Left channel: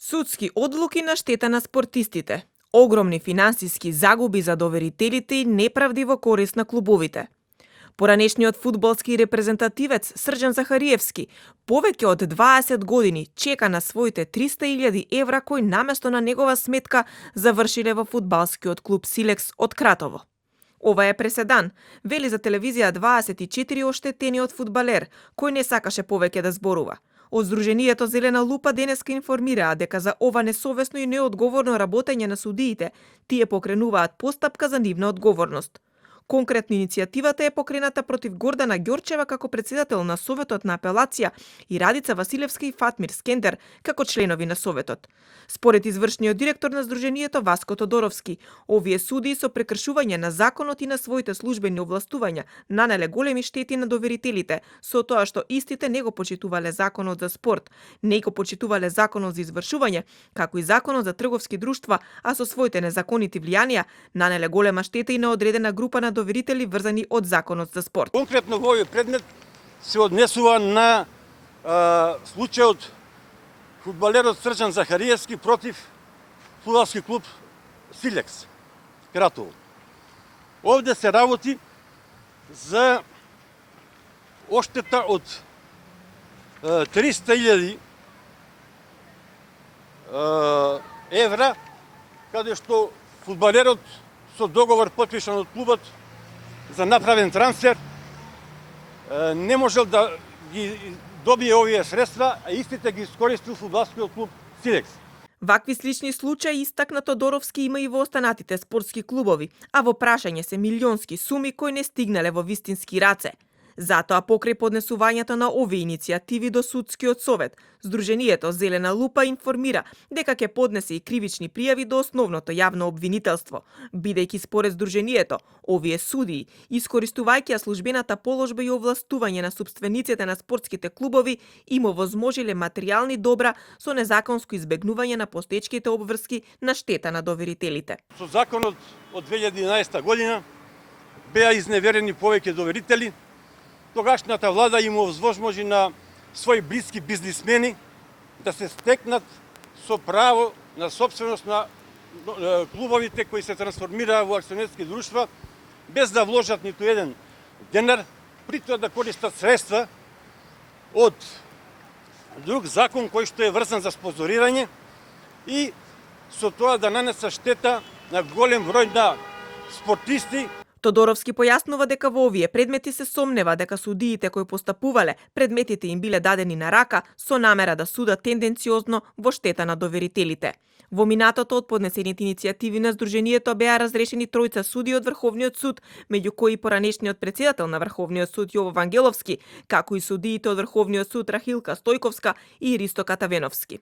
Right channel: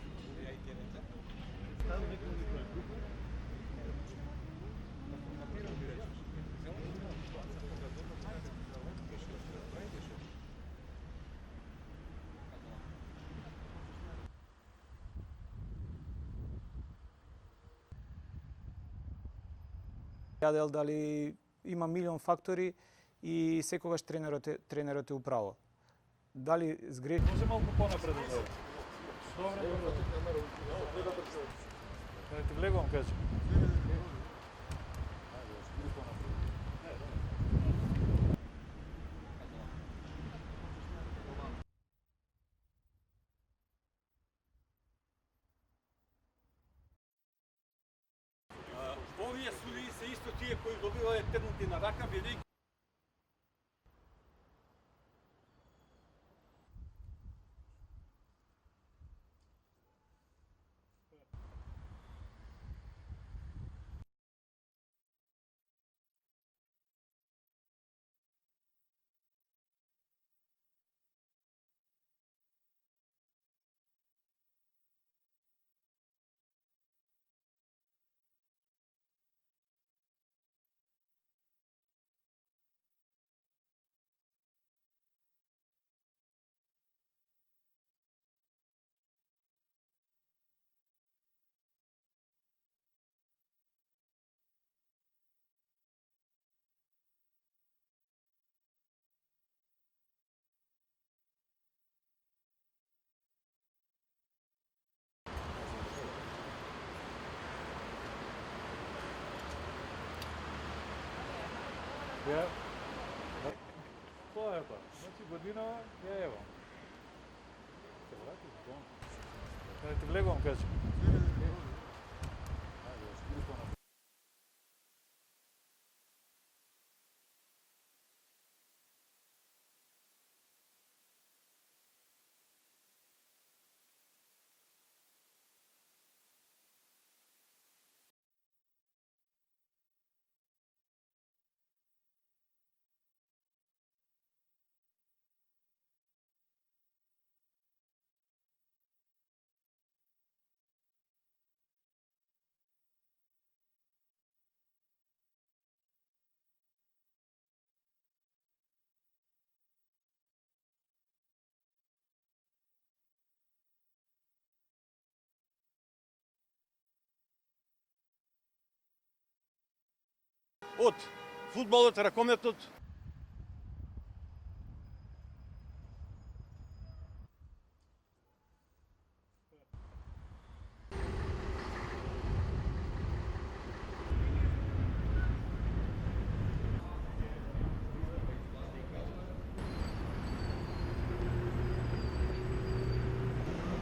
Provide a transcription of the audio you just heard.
Судски одлуки на штета на спортистите, огромни финансиски загуби за доверителите и неправди во корист на клубовите. Поранешниот фудбалски репрезентативец Срđan Захариевски повеќе од 20 години чека на своите 300.000 евра кои наместо на негова сметка завршиле во фудбалскиот клуб Силекс од Кратово. Ова е преседан, вели за телевизија 24 оштетениот фудбалер, кој не сакаше повеќе да зборува. Од Сдруженијето Зелена лупа денеска информираа дека за ова несовесно и неодговорно работење на судиите, тие покренуваат постапка за нивна одговорност. Конкретно иницијативата е покрената против Гордана Ѓорчева како председател на Советот на апелација и Радица Василевска и Фатмир Скендер како членови на Советот. Според извршниот директор на Сдруженијето Васко Тодоровски, овие судии со прекршување на законот и на своите службени овластувања нанеле големи штети на доверителите, со тоа што истите не го почитувале законот за спорт, не го почитувале законот за извршување, како и законот за трговски друштва, а со своите незаконити влијанија нанеле голема штета и на одредена група на доверители врзани од законот за спорт. Конкретно во овој предмет се однесува на случајот фудбалерот Срđan Захариевски против фудбалски клуб Силекс Кратово. Овде се работи за оштета од 300.000 евра, каде што фудбалерот со договор потпишан од клубот за направен трансфер не можел да ги добие овие средства, а истите ги искористил фудбалскиот клуб Силекс. Вакви слични случаи истакна Тодоровски има и во останатите спортски клубови, а во прашање се милионски суми кои не стигнале во вистински раце. Затоа покрај поднесувањето на овие иницијативи до судскиот совет, Сдруженијето Зелена лупа информира дека ќе поднесе и кривични пријави до основното јавно обвинителство, бидејќи според Сдруженијето, овие судии, искористувајќи службената положба и овластување на сопствениците на спортските клубови, им овозможиле материјални добра со незаконско избегнување на постечките обврски на штета на доверителите. Со законот од 2011 година беа изневерени повеќе доверители. Тогашната влада им овозможи на своји блиски бизнисмени да се стекнат со право на собственост на клубовите кои се трансформираа во акционерски друштва без да вложат ниту еден денар, при тоа да користат средства од друг закон кој што е врзан за спонзорирање и со тоа да нанесат штета на голем број на спортисти. Тодоровски појаснува дека во овие предмети се сомнева дека судиите кои постапувале, предметите им биле дадени на рака со намера да судат тенденциозно во штета на доверителите. Во минатото од поднесените иницијативи на Сдруженијето беа разрешени тројца суди од Врховниот суд, меѓу кои поранешниот председател на Врховниот суд Јово Вангеловски, како и судиите од Врховниот суд Рахилка Стојковска и Ристо Катавеновски.